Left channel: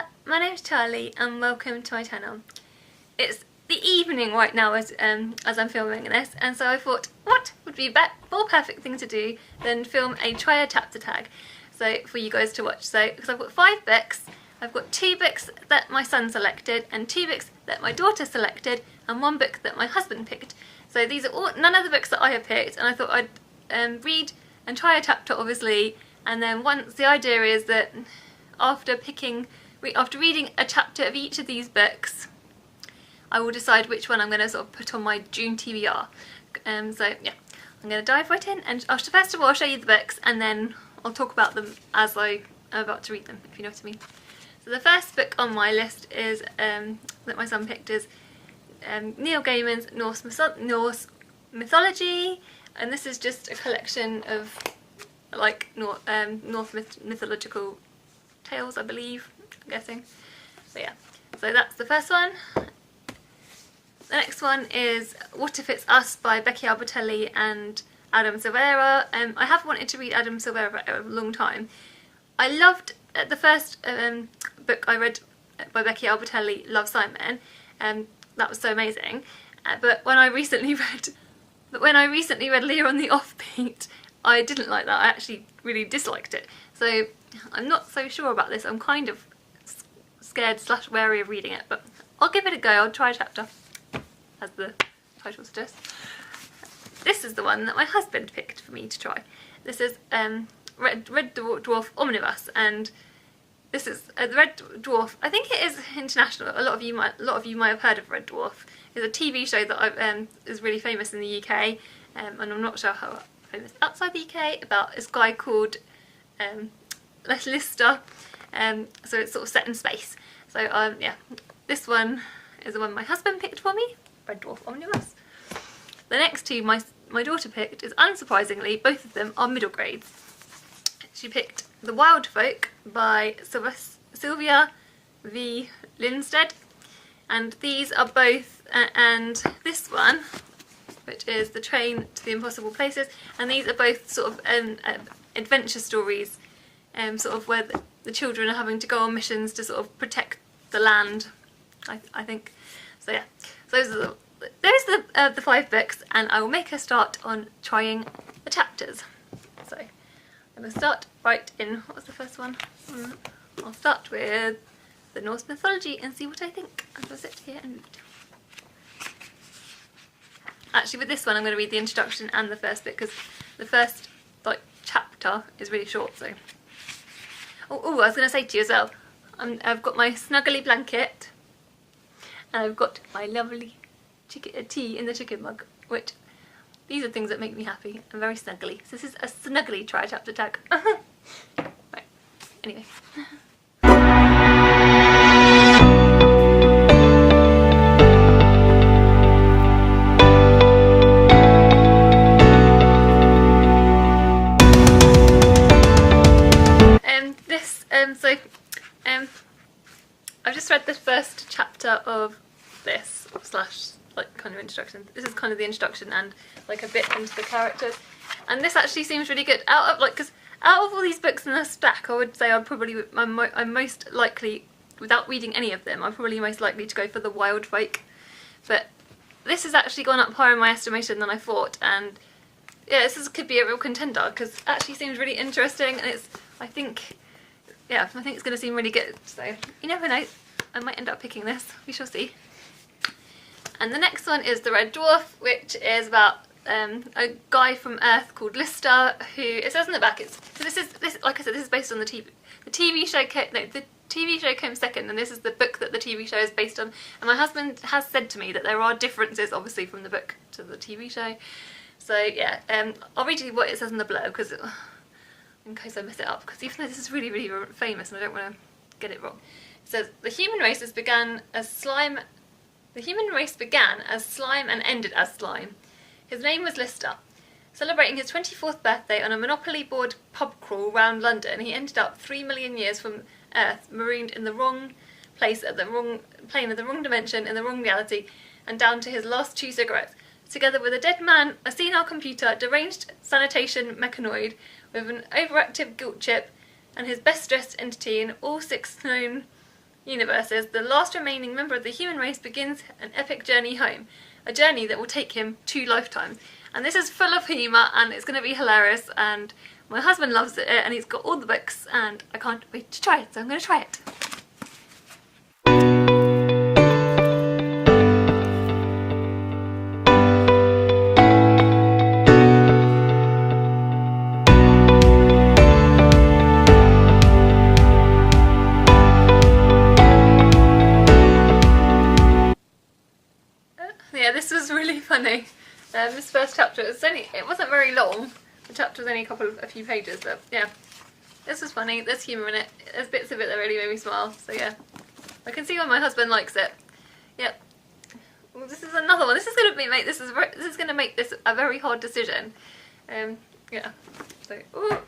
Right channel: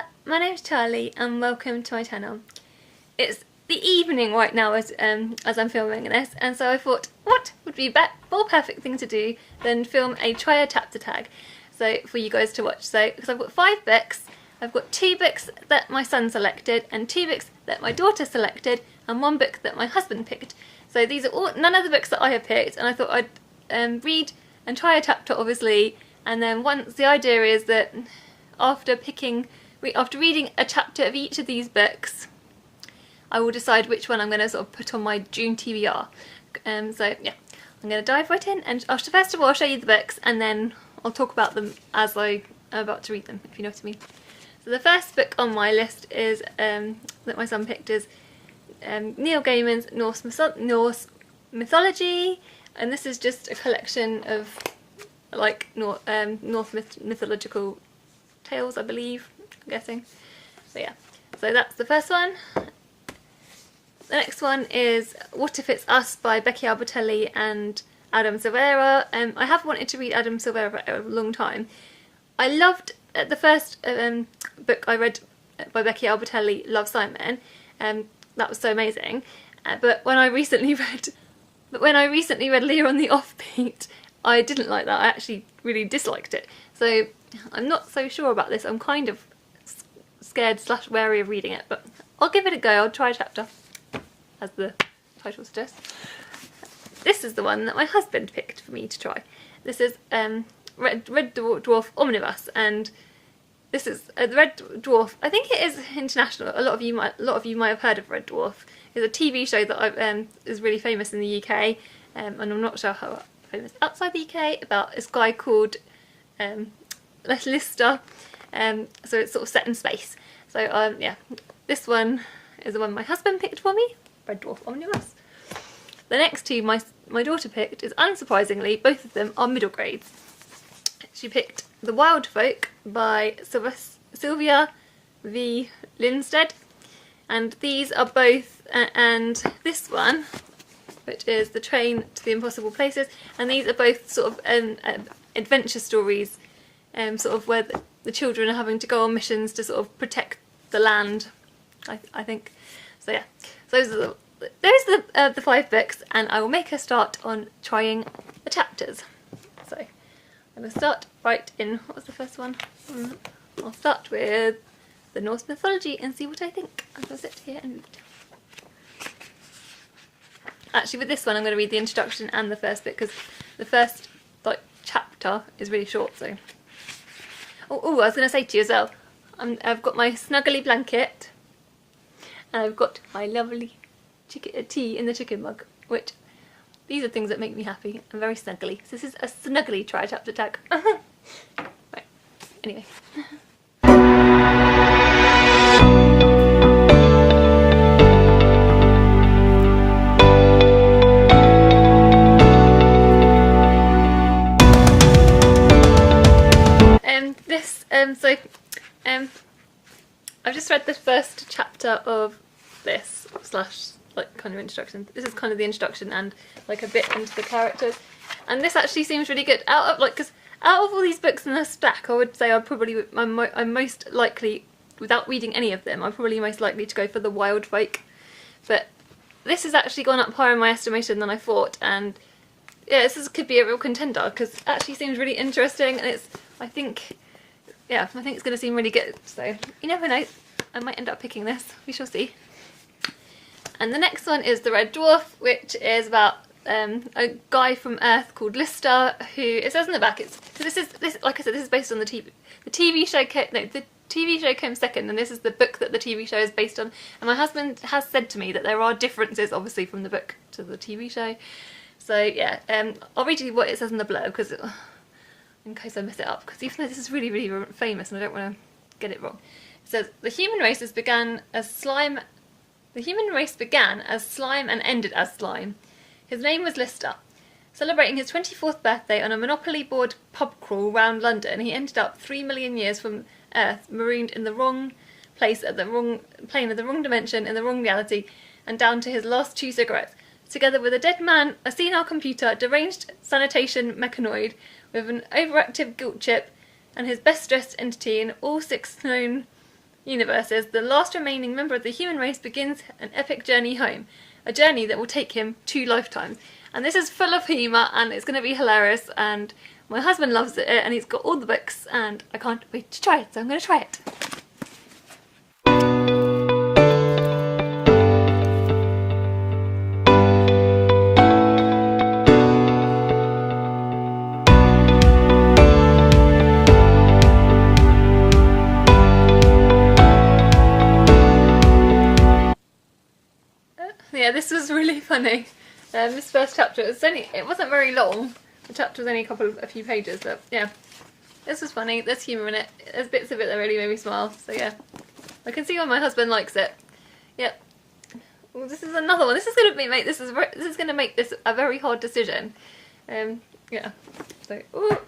there, my name's Charlie and welcome to my channel. It's the evening right now as I'm filming this, and so I thought what would be a more perfect thing to do than film a try a chapter tag so for you guys to watch. So because I've got 5 books, I've got 2 books that my son selected and 2 books that my daughter selected and 1 book that my husband picked. So these are all none of the books that I have picked, and I thought I'd read and try a chapter obviously, and then once the idea is that after reading a chapter of each of these books, I will decide which one I'm going to sort of put on my June TBR. So yeah, I'm going to dive right in, and first of all I'll show you the books and then I'll talk about them as I'm about to read them, if you know what I mean. So the first book on my list is that my son picked is Neil Gaiman's Norse Mythology, and this is just a collection of like Norse mythological tales, I believe, I'm guessing. So yeah, so that's the first one. The next one is What If It's Us by Becky Albertalli and Silvera. I have wanted to read Silvera for a long time. I loved the first book I read by Becky Albertalli, Love, Simon, that was so amazing. But when I recently read Leah on the Offbeat, I didn't like that. I actually really disliked it. So I'm not so sure about this. I'm kind of scared / wary of reading it, but I'll give it a go. I'll try a chapter, as the title suggests. This is the one that my husband picked for me to try. This is Red Dwarf Omnibus, and this is the Red Dwarf. I think it is international. A lot of you might have heard of Red Dwarf. It's a TV show that is really famous in the UK, and I'm not sure how famous outside the UK, about this guy called Linsteadt. So it's sort of set in space. So yeah, this one is the one my husband picked for me, Red Dwarf Omnibus. The next 2 my daughter picked is, unsurprisingly, both of them are middle grades. She picked The Wild Folk by Syvia v. Linsteadt, and these are both, and this one, which is The Train to the Impossible Places, and these are both sort of adventure stories, sort of where the children are having to go on missions to sort of protect the land, I think. So yeah, so those are the 5 books, and I will make a start on trying the chapters. So I'm going to start right in, what was the first one? I'll start with the Norse Mythology and see what I think. I'm going to sit here and read. Actually, with this one I'm going to read the introduction and the first bit, because the first chapter is really short. So oh, I was going to say to you as well, I've got my snuggly blanket and I've got my lovely tea in the chicken mug, which these are things that make me happy. I'm very snuggly. So this is a snuggly try chapter tag. Right, anyway. I've just read the first chapter of this kind of introduction. This is kind of the introduction and like a bit into the characters, and this actually seems really good. Out of all these books in the stack, I would say I'm most likely, without reading any of them, I'm probably most likely to go for The Wild Folk. But this has actually gone up higher in my estimation than I thought, and yeah, could be a real contender because it actually seems really interesting, and I think it's going to seem really good. So you never know, I might end up picking this. We shall see. And the next one is The Red Dwarf, which is about a guy from Earth called Lister, who, it says in the back, this like I said, this is based on the TV show. The TV show came second, and this is the book that the TV show is based on. And my husband has said to me that there are differences, obviously, from the book to the TV show. So yeah, I'll read you what it says in the blurb, because in case I mess it up, because even though this is really, really famous, and I don't want to get it wrong. It says the human race began as slime and ended as slime. His name was Lister. Celebrating his 24th birthday on a Monopoly board pub crawl round London, he ended up 3 million years from Earth, marooned in the wrong place at the wrong plane of the wrong dimension in the wrong reality, and down to his last 2 cigarettes, together with a dead man, a senile computer, deranged sanitation mechanoid with an overactive guilt chip, and his best dressed entity, and all 6 known universes, the last remaining member of the human race begins an epic journey home. A journey that will take him 2 lifetimes. And this is full of humour and it's going to be hilarious, and my husband loves it and he's got all the books and I can't wait to try it, so I'm going to try it. Yeah, this was really funny. This first chapter, it wasn't very long. The chapter was only a few pages, but yeah. This was funny, there's humour in it. There's bits of it that really made me smile, so yeah. I can see why my husband likes it. Yep. Well, this is another one. This is going to make this a very hard decision. Yeah. So, ooh.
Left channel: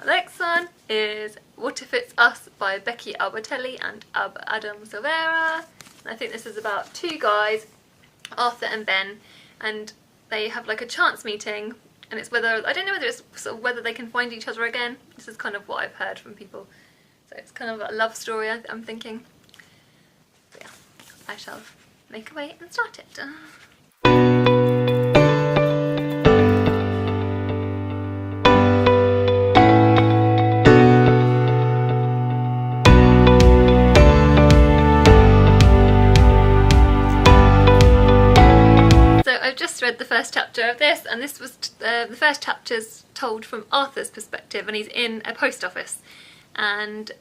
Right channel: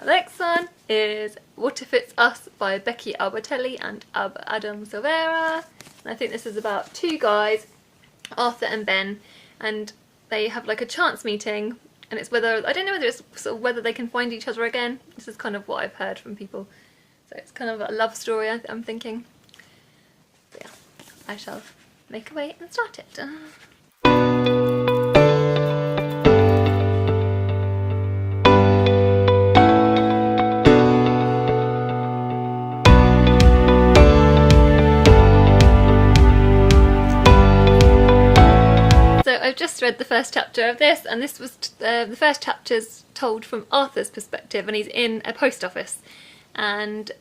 The next one is What If It's Us by Becky Albertalli and Adam Silvera. And I think this is about 2 guys, Arthur and Ben, and they have like a chance meeting, and it's whether, I don't know whether it's sort of whether they can find each other again. This is kind of what I've heard from people. So it's kind of a love story, I'm thinking. So yeah, I shall make a way and start it. I've just read the first chapter of this, and this was the first chapter's told from Arthur's perspective, and he's in a post office, and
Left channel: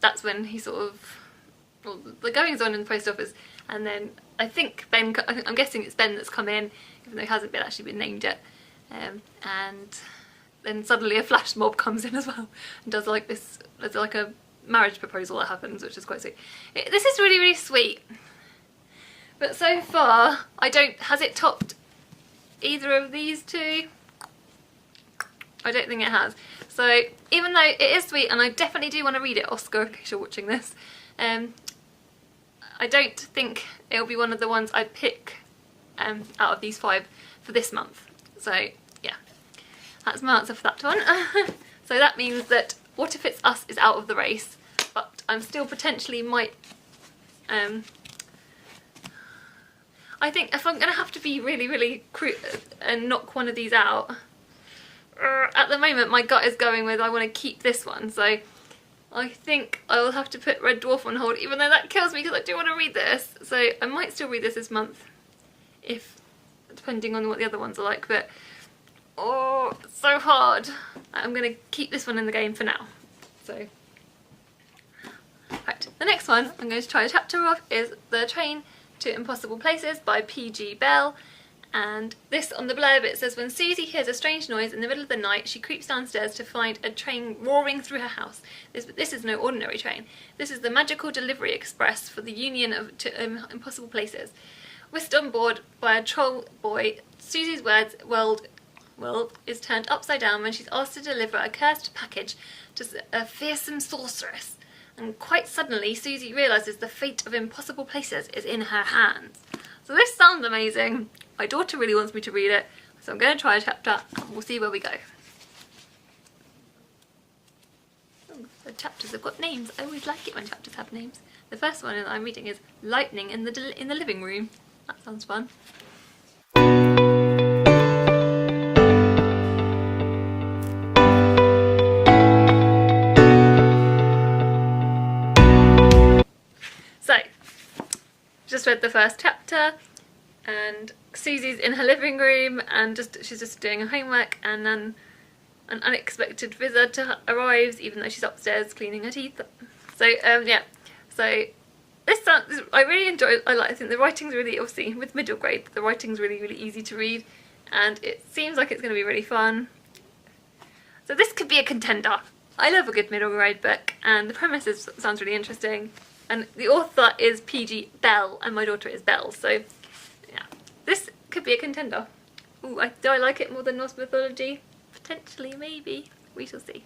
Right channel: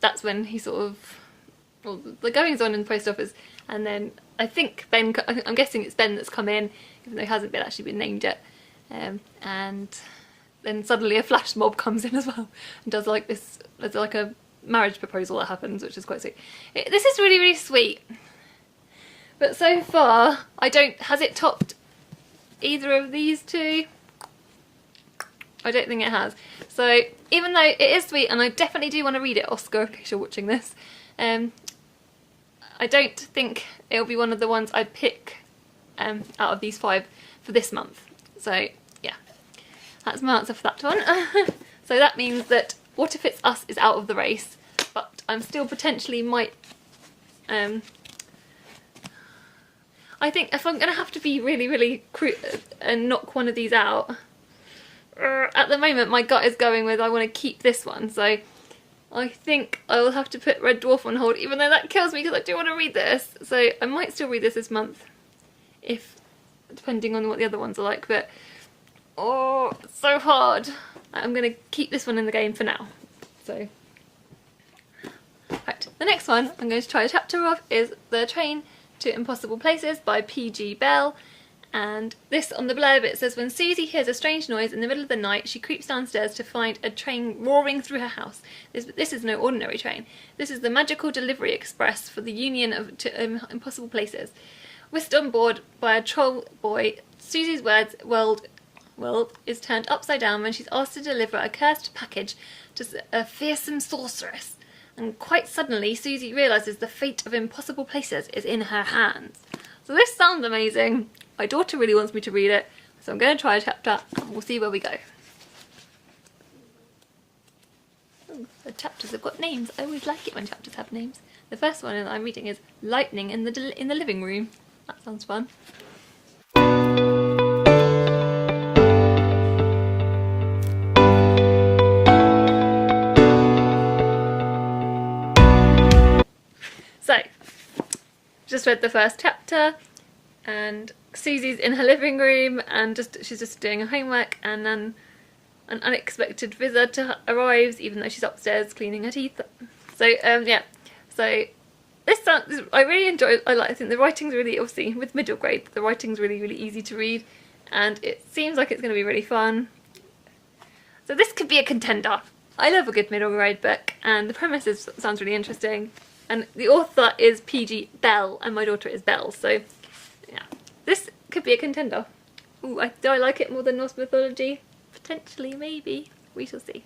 that's when he sort of, well, the goings on in the post office, and then I think Ben, I'm guessing it's Ben that's come in, even though he hasn't actually been named yet, and then suddenly a flash mob comes in as well, and does like this, there's like a marriage proposal that happens, which is quite sweet. This is really, really sweet. But so far, has it topped either of these 2? I don't think it has. So, even though it is sweet, and I definitely do want to read it, Oscar, in case you're watching this, I don't think it'll be one of the ones I'd pick out of these 5 for this month. So, yeah, that's my answer for that one. So that means that What If It's Us is out of the race, but I'm still potentially might... I think if I'm going to have to be really, really and knock one of these out, at the moment my gut is going with I want to keep this one, so I think I will have to put Red Dwarf on hold, even though that kills me because I do want to read this. So I might still read this month, depending on what the other ones are like, but oh, it's so hard. I'm going to keep this one in the game for now. So, right, the next one I'm going to try a chapter of is The Train to Impossible Places by P.G. Bell, and this, on the blurb, it says, when Susie hears a strange noise in the middle of the night, she creeps downstairs to find a train roaring through her house. This is no ordinary train. This is the magical delivery express for the Union to Impossible Places. Whisked on board by a troll boy, Susie's world is turned upside down when she's asked to deliver a cursed package to a fearsome sorceress. And quite suddenly, Susie realises the fate of Impossible Places is in her hands. So this sounds amazing. My daughter really wants me to read it, so I'm going to try a chapter and we'll see where we go. Ooh, the chapters have got names. I always like it when chapters have names. The first one that I'm reading is Lightning in the Living Room. That sounds fun. So, just read the first chapter, and Susie's in her living room and she's just doing her homework, and then an unexpected visitor arrives, even though she's upstairs cleaning her teeth. So yeah, so I really enjoy. I think the writing's really, obviously with middle grade, the writing's really, really easy to read, and it seems like it's going to be really fun. So this could be a contender. I love a good middle grade book, and the premise sounds really interesting. And the author is P.G. Bell, and my daughter is Belle, so yeah, this could be a contender. Ooh, do I like it more than Norse Mythology? Potentially, maybe. We shall see.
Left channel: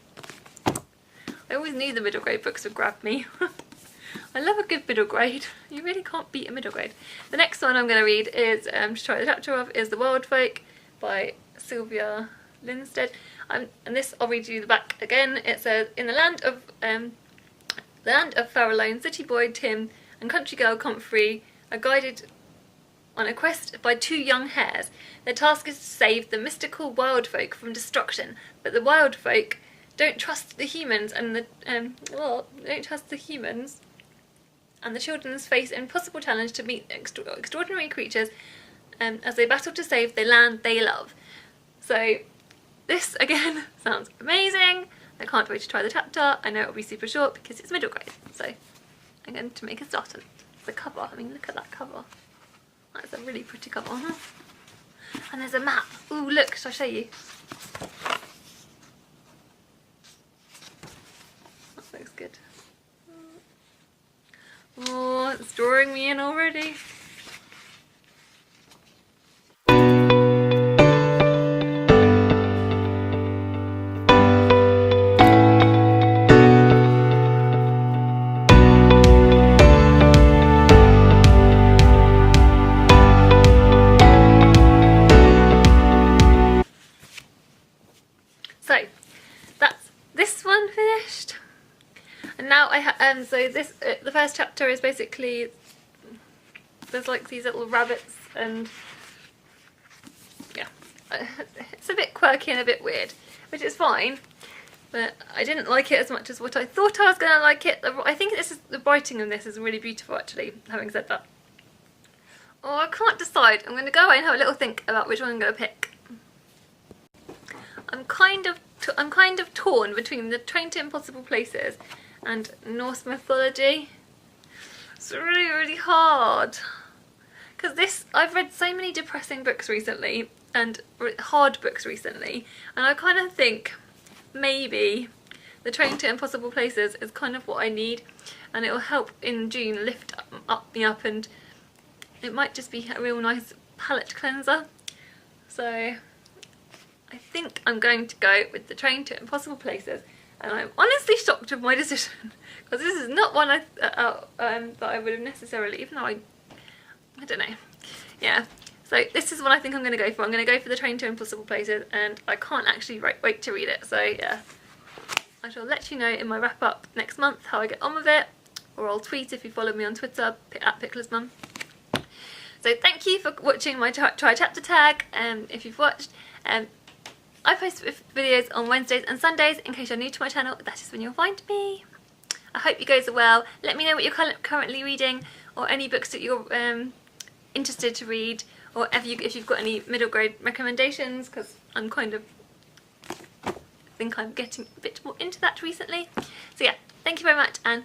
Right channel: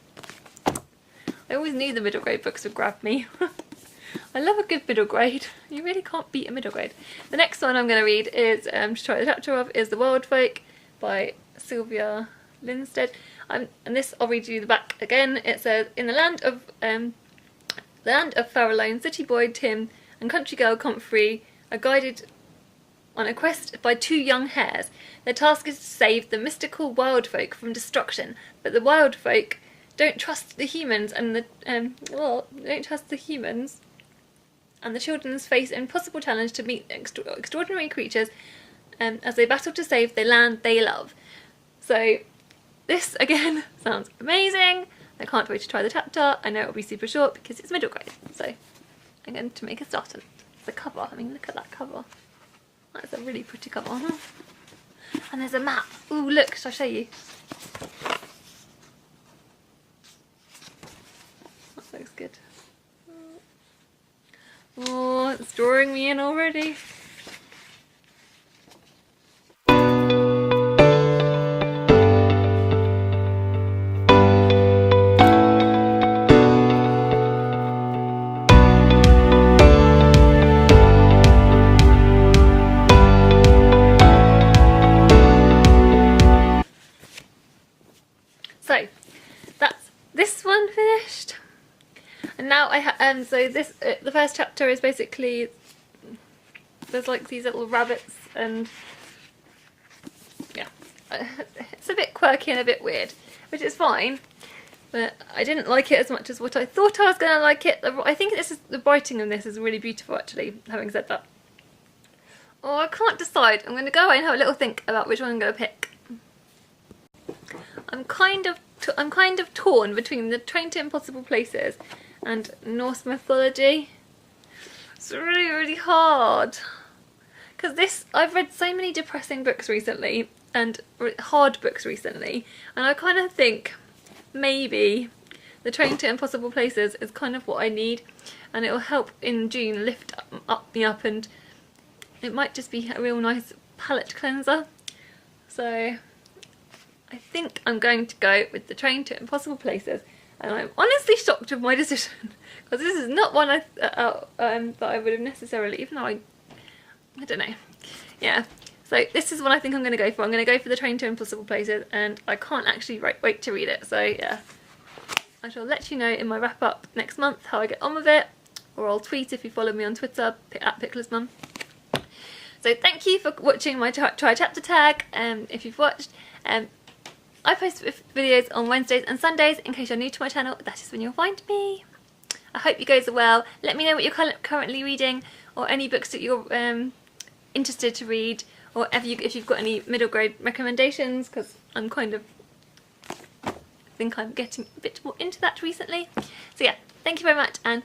I always knew the middle grade books would grab me. I love a good middle grade. You really can't beat a middle grade. The next one I'm going to read is, to try the chapter of, is The Wild Folk by Syvia Linsteadt. And this, I'll read you the back again. It says, in the land of The land of Farallone, city boy Tim and country girl Comfrey are guided on a quest by two young hares. Their task is to save the mystical wild folk from destruction, but the wild folk don't trust the humans, and the children face an impossible challenge to meet extraordinary creatures as they battle to save the land they love. So this again sounds amazing. I can't wait to try the chapter. I know it'll be super short because it's middle grade, so I'm going to make a start on it. The cover, I mean, look at that cover. That's a really pretty cover. And there's a map. Ooh, look, shall I show you? That looks good. Oh, it's drawing me in already. So that's this one finished, and now I so this the first chapter is basically there's like these little rabbits, and yeah, it's a bit quirky and a bit weird, which is fine, but I didn't like it as much as what I thought I was going to like it. I think the writing in this is really beautiful, actually. Having said that, oh, I can't decide. I'm going to go away and have a little think about which one I'm going to pick. I'm kind of torn between the Train to Impossible Places and Norse Mythology. It's really, really hard. Because I've read so many depressing books recently, and hard books recently, and I kind of think maybe the Train to Impossible Places is kind of what I need, and it will help in June lift me up, and it might just be a real nice palette cleanser. So I think I'm going to go with the Train to Impossible Places, and I'm honestly shocked with my decision because this is not one that I would have necessarily, even though I don't know. Yeah, so this is what I think I'm going to go for. I'm going to go for the Train to Impossible Places, and I can't actually wait to read it. So yeah, I shall let you know in my wrap up next month how I get on with it, or I'll tweet if you follow me on Twitter at @picklersmum. So thank you for watching my try chapter tag. If you've watched, I post videos on Wednesdays and Sundays. In case you're new to my channel, that is when you'll find me. I hope you guys are well. Let me know what you're currently reading, or any books that you're interested to read, or if you've got any middle grade recommendations, because I think I'm getting a bit more into that recently. So yeah, thank you very much, and